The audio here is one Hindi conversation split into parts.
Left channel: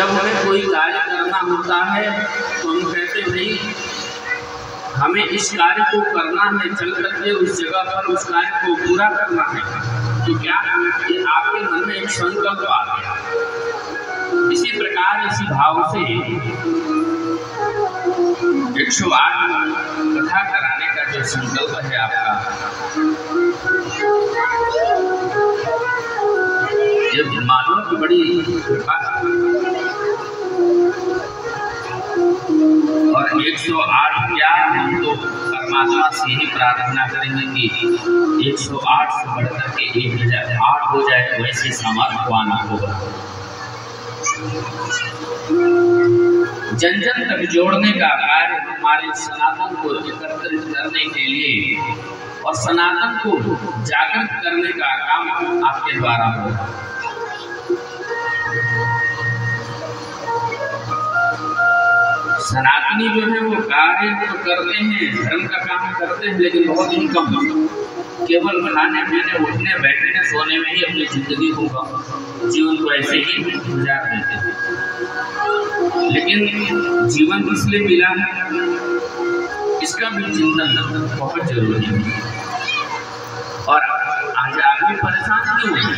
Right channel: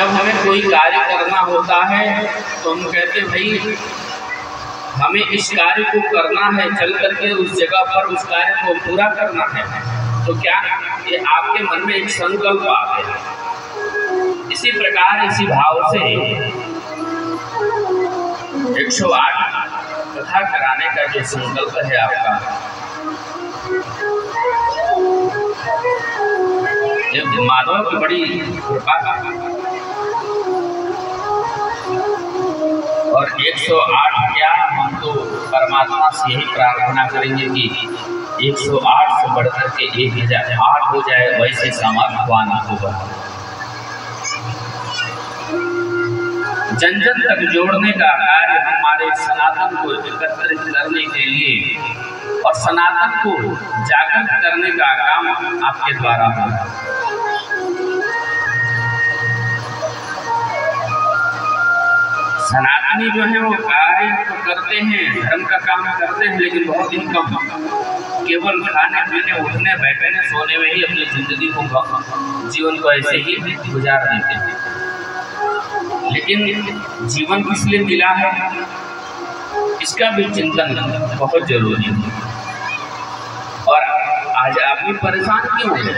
जब हमें कोई कार्य करना होता है तो हम कहते हैं भाई हमें इस कार्य को करना है, चल करके उस जगह पर उस कार्य को पूरा करना है। तो क्या ये आपके मन में एक संकल्प आ गया। इसी प्रकार इसी भाव से 108 कथा कराने का जो संकल्प है आपका, ये माधव की बड़ी कृपा है। और 108 क्या, हम तो परमात्मा से यही प्रार्थना करेंगे कि 108 से बढ़कर के 1008 हो जाए, वैसे सामर्थ्यवान होगा। जन जन तक जोड़ने का कार्य हमारे सनातन को एकत्रित करने के लिए और सनातन को जागृत करने का काम आपके द्वारा होगा। सनातनी जो है वो कार्य तो करते हैं, धर्म का काम करते हैं, लेकिन बहुत ही कम। केवल खाने पीने उठने बैठने सोने में ही अपनी जिंदगी को, जीवन को ऐसे ही गुजार देते हैं। लेकिन जीवन किस लिए मिला है, इसका भी चिंतन बहुत जरूरी है। और आज आदमी परेशान क्यों है?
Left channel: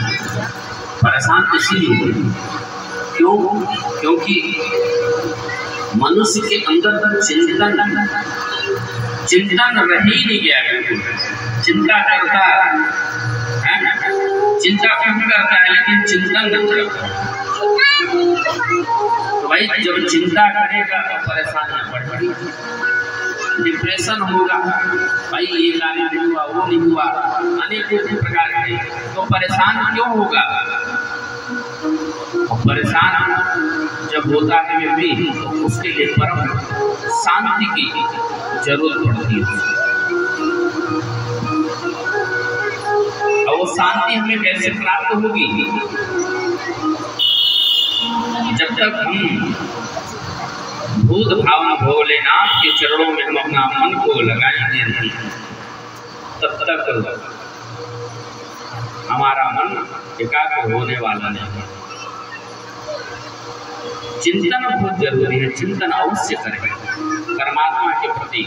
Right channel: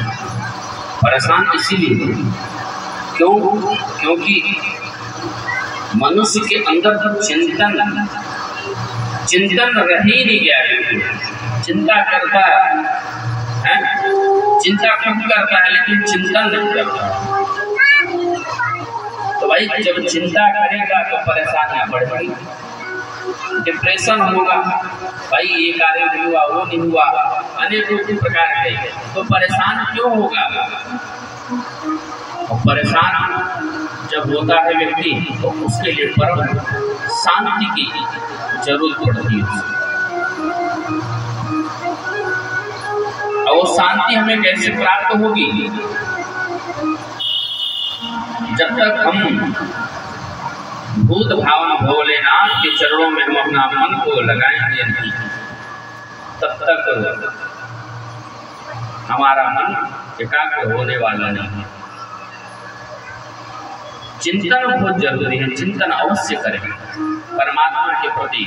परेशान इसीलिए क्योंकि मनुष्य के अंदर चिंतन रह ही नहीं गया। बिल्कुल चिंता करता है, चिंता क्यों करता है, लेकिन चिंतन नहीं करता। तो भाई जब चिंता करेगा तो परेशानियां बढ़ेगी, डिप्रेशन होगा, भाई ये कार्य नहीं हुआ, वो नहीं हुआ, अनेकों प्रकार के। तो परेशान क्यों होगा? परेशान जब होता है व्यक्ति तो उसके लिए परम शांति की जरूरत पड़ती है। और वो शांति हमें कैसे प्राप्त होगी? जब तक हम बुद्ध भावन भोलेनाथ के चरणों में हम अपना मन को लगाएंगे नहीं, तब तक हमारा मन एकाग्र होने वाला नहीं। चिंतन बहुत जरूरी है, चिंतन अवश्य करें परमात्मा के प्रति,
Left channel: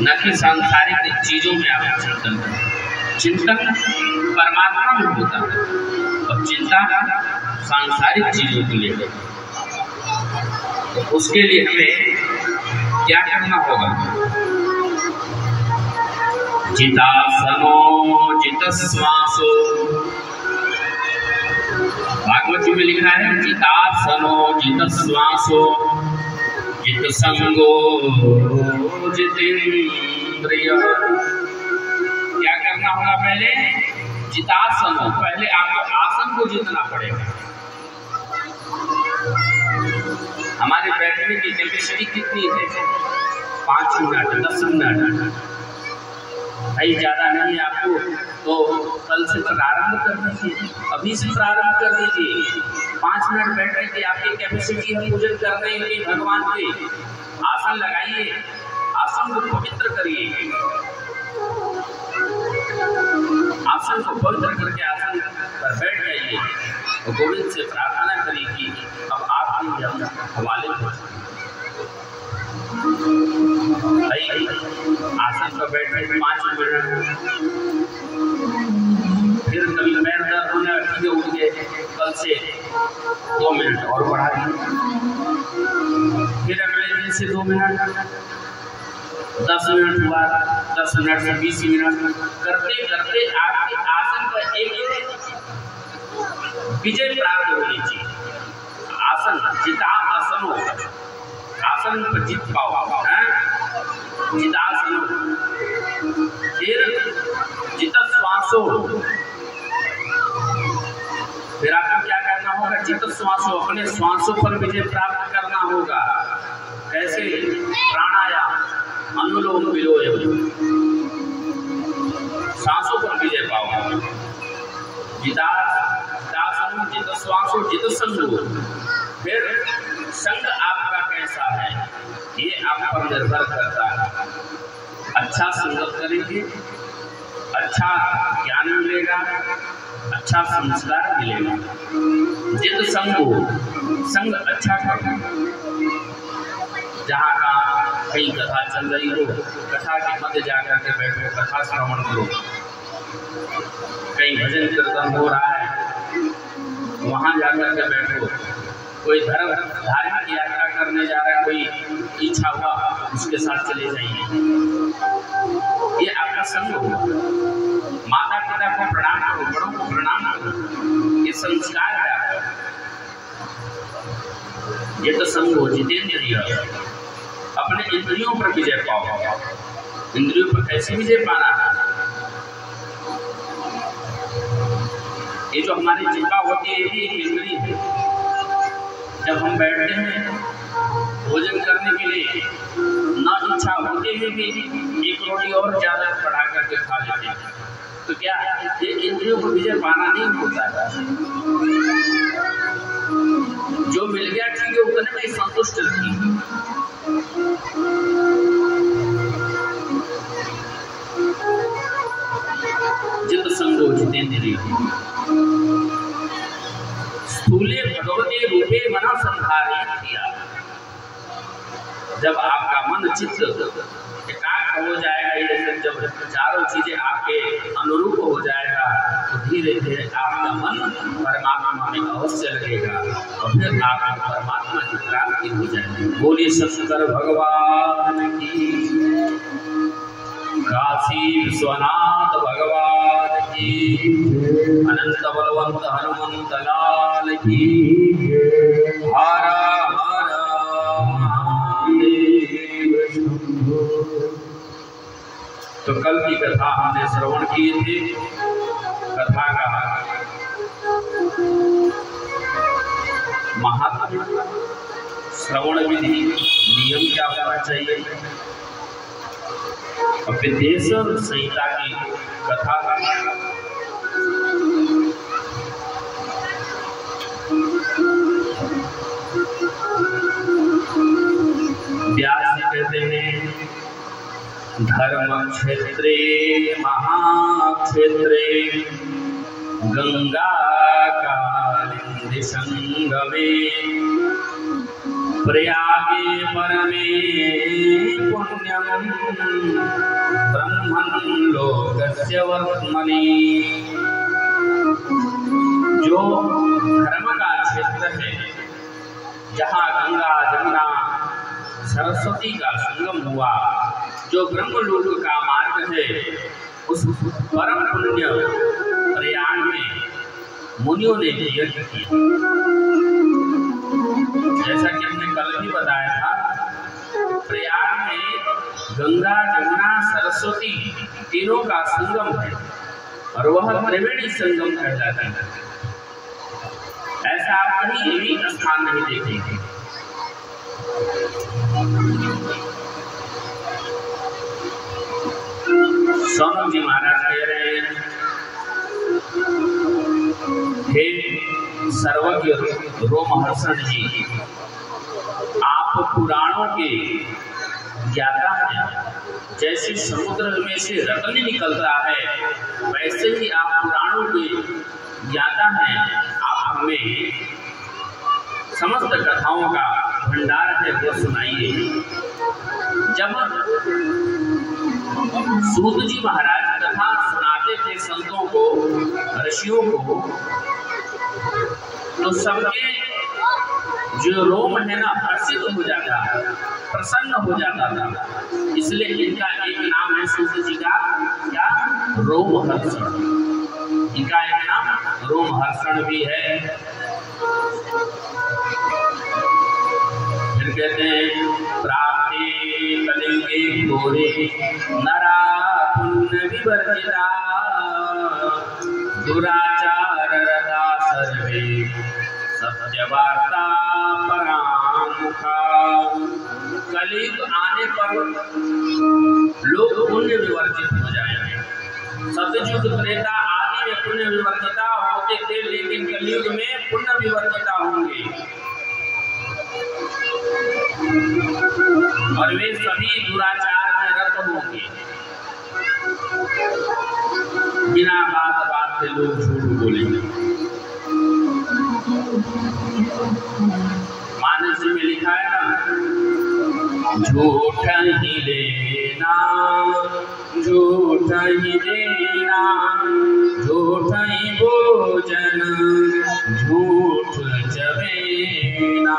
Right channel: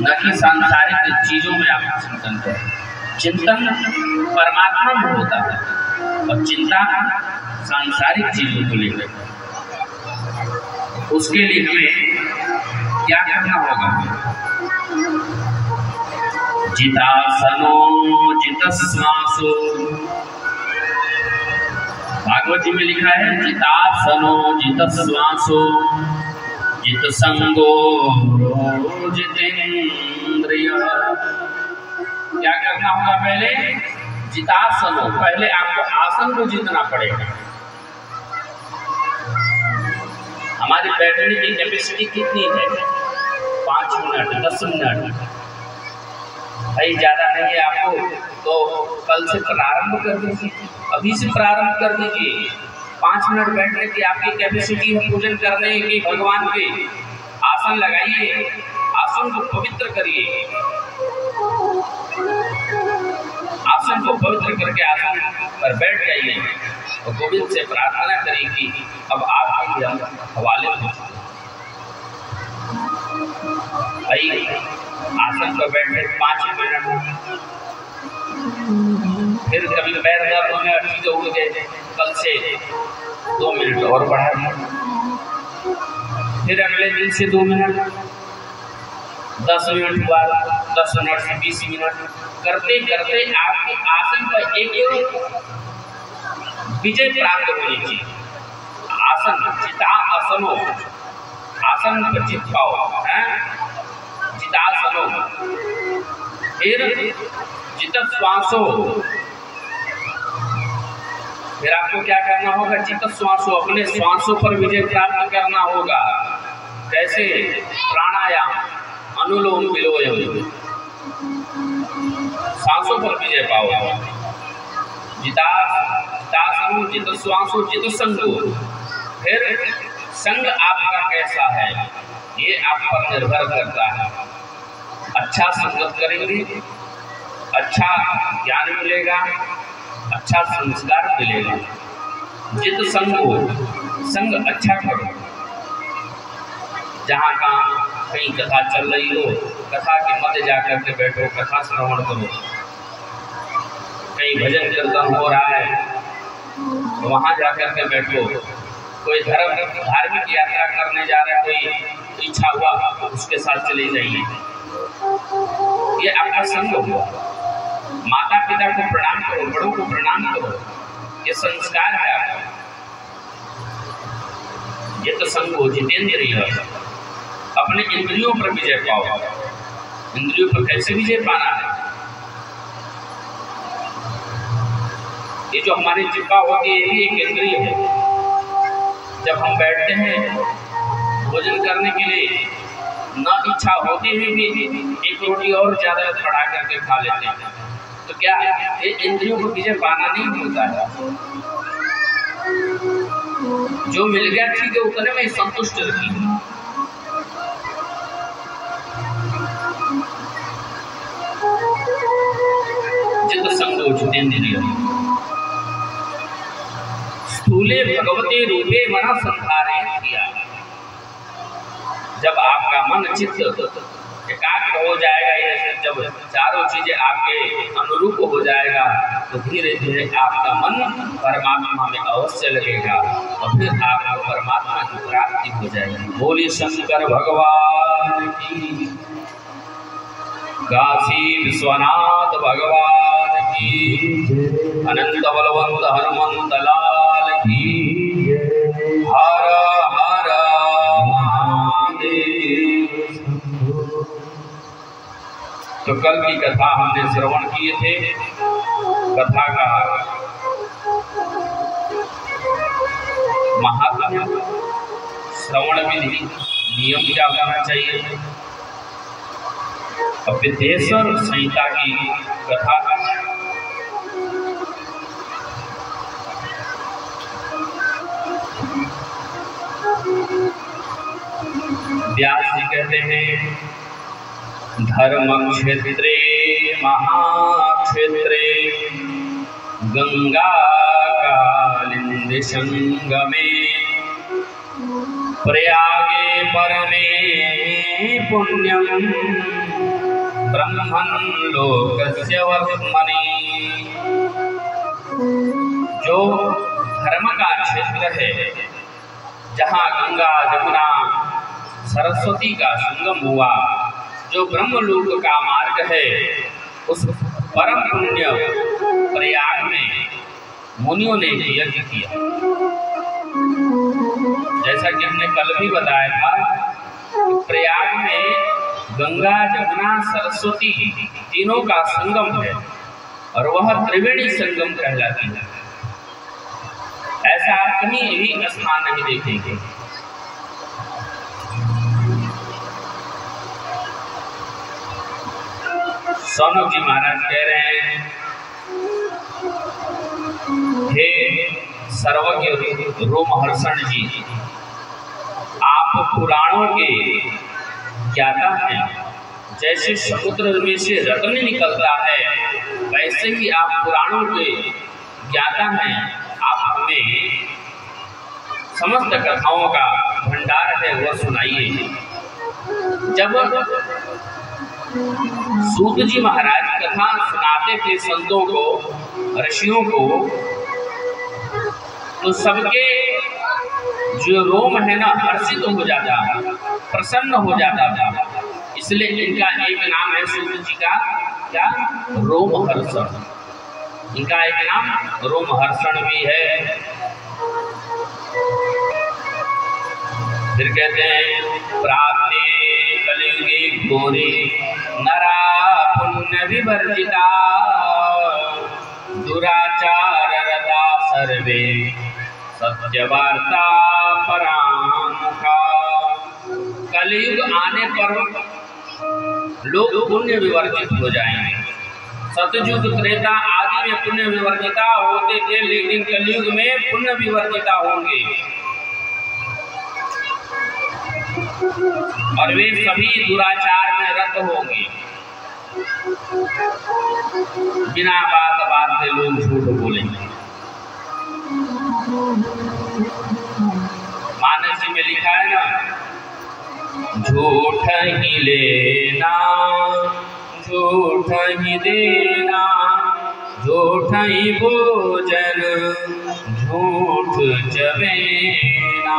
न कि सांसारिक चीजों में आप चिंतन करें। चिंतन परमात्मा में होता है और चिंता सांसारिक चीजों को लेकर। उसके लिए हमें क्या करना होगा? जितासनो जितश्वासो, भागवत जी में लिखा है जितासनो जितश्वासो जितसंगो जितेन्द्रिय। क्या करना होगा? पहले जितासनो, पहले आपको आसन को जीतना पड़ेगा। हमारी बैठने की कैपेसिटी कितनी है? 5 मिनट, 10 मिनट, भाई ज्यादा नहीं है आपको, तो कल से प्रारंभ कर दीजिए, अभी से प्रारंभ कर दीजिए। 5 मिनट बैठने की आपकी कैपेसिटी है, पूजन करने की भगवान के। आसन लगाइए, आसन को पवित्र करिए, आसन को पवित्र करके आसन पर बैठ जाइए और गोविंद से प्रार्थना करिए कि अब आपके हम हवाले हो। भाई आसन पर बैठे 5 मिनट, फिर कभी पैर दर्द होने और ठीक उठ गए, कल से 2 मिनट और बढ़ा दिए, फिर अगले दिन से 2 मिनट, 10 मिनट हुआ, 10 मिनट से 20 मिनट करते करते आपके आसन पर एक विजय प्राप्त होनी चाहिए। आसन जिता आसनो, आसन पर जीत पाओ, जितासनो। फिर जित श्वासो, फिर आपको क्या करना होगा? जित श्वासो, अपने श्वासों पर विजय प्राप्त करना होगा। कैसे? प्राणायाम, अनुलोम विलोम, सांसों पर विजय पाओ। जितासनो जित श्वासो जित संगो। फिर संग आपका कैसा है ये आप पर निर्भर करता है। अच्छा संगत करेंगे, अच्छा ज्ञान मिलेगा, अच्छा संस्कार मिलेगा। जित संगो, संग अच्छा करो। जहाँ कहाँ कहीं कथा चल रही हो, कथा के मध्य जाकर के बैठो, कथा श्रवण करो। कहीं भजन कीर्तन हो रहा है, वहाँ जाकर के बैठो। कोई धार्मिक यात्रा करने जा रहा है, कोई इच्छा हुआ उसके साथ चले जाइए। ये आपका संग हुआ। माता पिता को प्रणाम करो, बड़ों को प्रणाम करो, ये संस्कार है आपका। ये तो संग हो जितेंद्रिय। अपने इंद्रियों पर विजय पाओ। इंद्रियों पर कैसे विजय पाना है? ये जो हमारी जिह्वा होती है, ये भी एक इंद्रिय है। जब हम बैठते हैं भोजन करने के लिए, न इच्छा होते हुए भी एक रोटी और ज्यादा बढ़ा करके खा लेते हैं, तो क्या ये इंद्रियों को विजय पाना नहीं होता है? जो मिल गया ठीक है, उतने में संतुष्ट रखिए। जित संगो जितेंद्रिय, स्थूले भगवते रूपे मना संधारे किया। जब आपका मन चित्त एकाग्र हो जाएगा, ये जब चारों चीजें आपके अनुरूप हो जाएगा, तो धीरे धीरे आपका मन परमात्मा में अवश्य लगेगा और फिर आपको परमात्मा की प्राप्ति हो जाएगी। बोलिए शंकर भगवान की, काशी विश्वनाथ भगवान की, अनंत बलवंत हनुमंत लाल की। हर हर महादेव। तो कल की कथा हमने श्रवण किए थे। कथा का महात्म्य, श्रवण विधि, नियम क्या होना चाहिए। विदेश्वर संहिता की कथा व्यास जी कहते हैं, धर्म क्षेत्रे महाक्षेत्रे गंगा कालिंदी संगमे प्रयागे परमे पुण्यम ब्रह्मन् लोकस्य वर्त्मनि। जो धर्म का क्षेत्र है, जहाँ गंगा जमुना सरस्वती का संगम हुआ, जो ब्रह्मलोक का मार्ग है, उस परम पुण्य प्रयाग में मुनियों ने यज्ञ किया। जैसा कि हमने कल भी बताया था, प्रयाग में गंगा जमुना सरस्वती तीनों का संगम है और वह त्रिवेणी संगम कहलाती है। ऐसा आप कहीं भी स्थान नहीं देखेंगे। सोनक जी महाराज कह रहे हैं, हे सर्वज्ञ रोमहर्षण जी, आप पुराणों के ज्ञाता हैं। जैसे समुद्र में से रत्न निकलता है, वैसे ही आप पुराणों के ज्ञाता हैं। आप हमें समस्त कथाओं का भंडार है, वह सुनाइए। जब सूत जी महाराज कथा सुनाते थे संतों को, ऋषियों को, तो सबके जो रोम है ना हर्षित हो जाता, प्रसन्न हो जाता था। इसलिए इनका एक नाम है सूत जी का, क्या? रोमहर्षण। इनका एक नाम रोमहर्षण भी है। फिर कहते हैं, प्राप्ते कलियुगे घोरे नरा पुण्य विवर्जिता दुराचार रता सर्वे सत्यवार्ता परामुखा। कलियुग आने पर लोग पुण्य विवर्जित हो जाएंगे। सतयुग त्रेता आदि में पुण्य विवर्जिता होते थे, लेकिन कलियुग में पुण्य विवर्जिता होंगे और वे सभी दुराचार में रत होंगे। बिना बात से लोग झूठ बोलेंगे। फारसी में लिखा है ना, झूठ ही लेना झूठ ही देना, झूठ ही भोजन झूठ चबेना,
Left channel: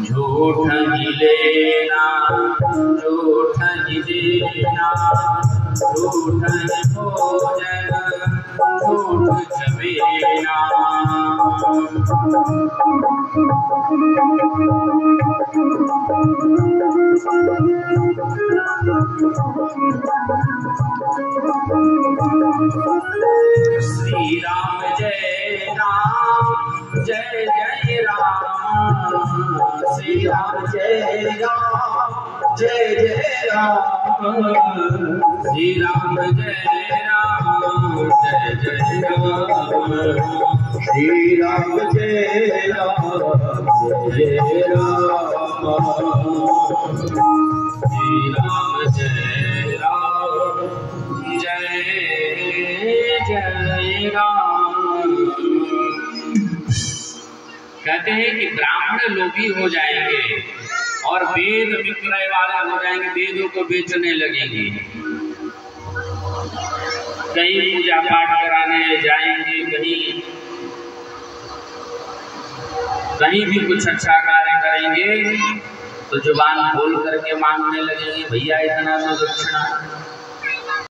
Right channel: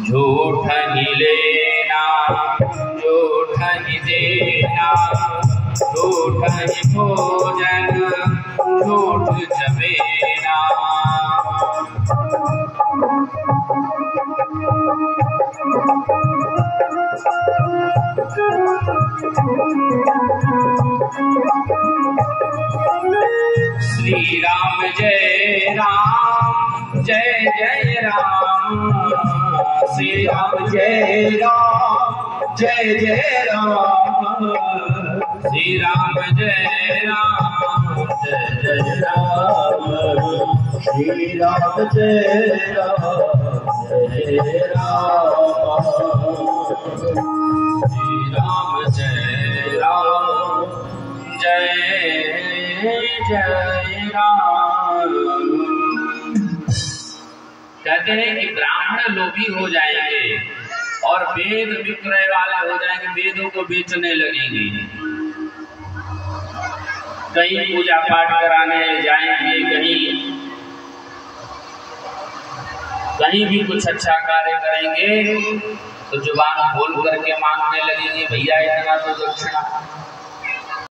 झूठ ही लेना झूठ ही देना, झूठ ही भोजन झूठ चबेना। श्री राम जय राम जय जय राम, श्री राम जय राम जय जय राम, श्री राम जय राम जय जय राम, श्री राम जय राम जय राम, श्री राम जय राम जय जय राम। कहते हैं कि ब्राह्मण लोभी हो जाएंगे और वेद विक्रय वाले हो जाएंगे, वेदों को बेचने लगेंगे, कहीं पूजा पाठ कराने जाएंगे, कहीं भी कुछ अच्छा कार्य करेंगे तो जुबान खोल करके मांगने लगेंगे, भैया इतना तो दक्षिणा।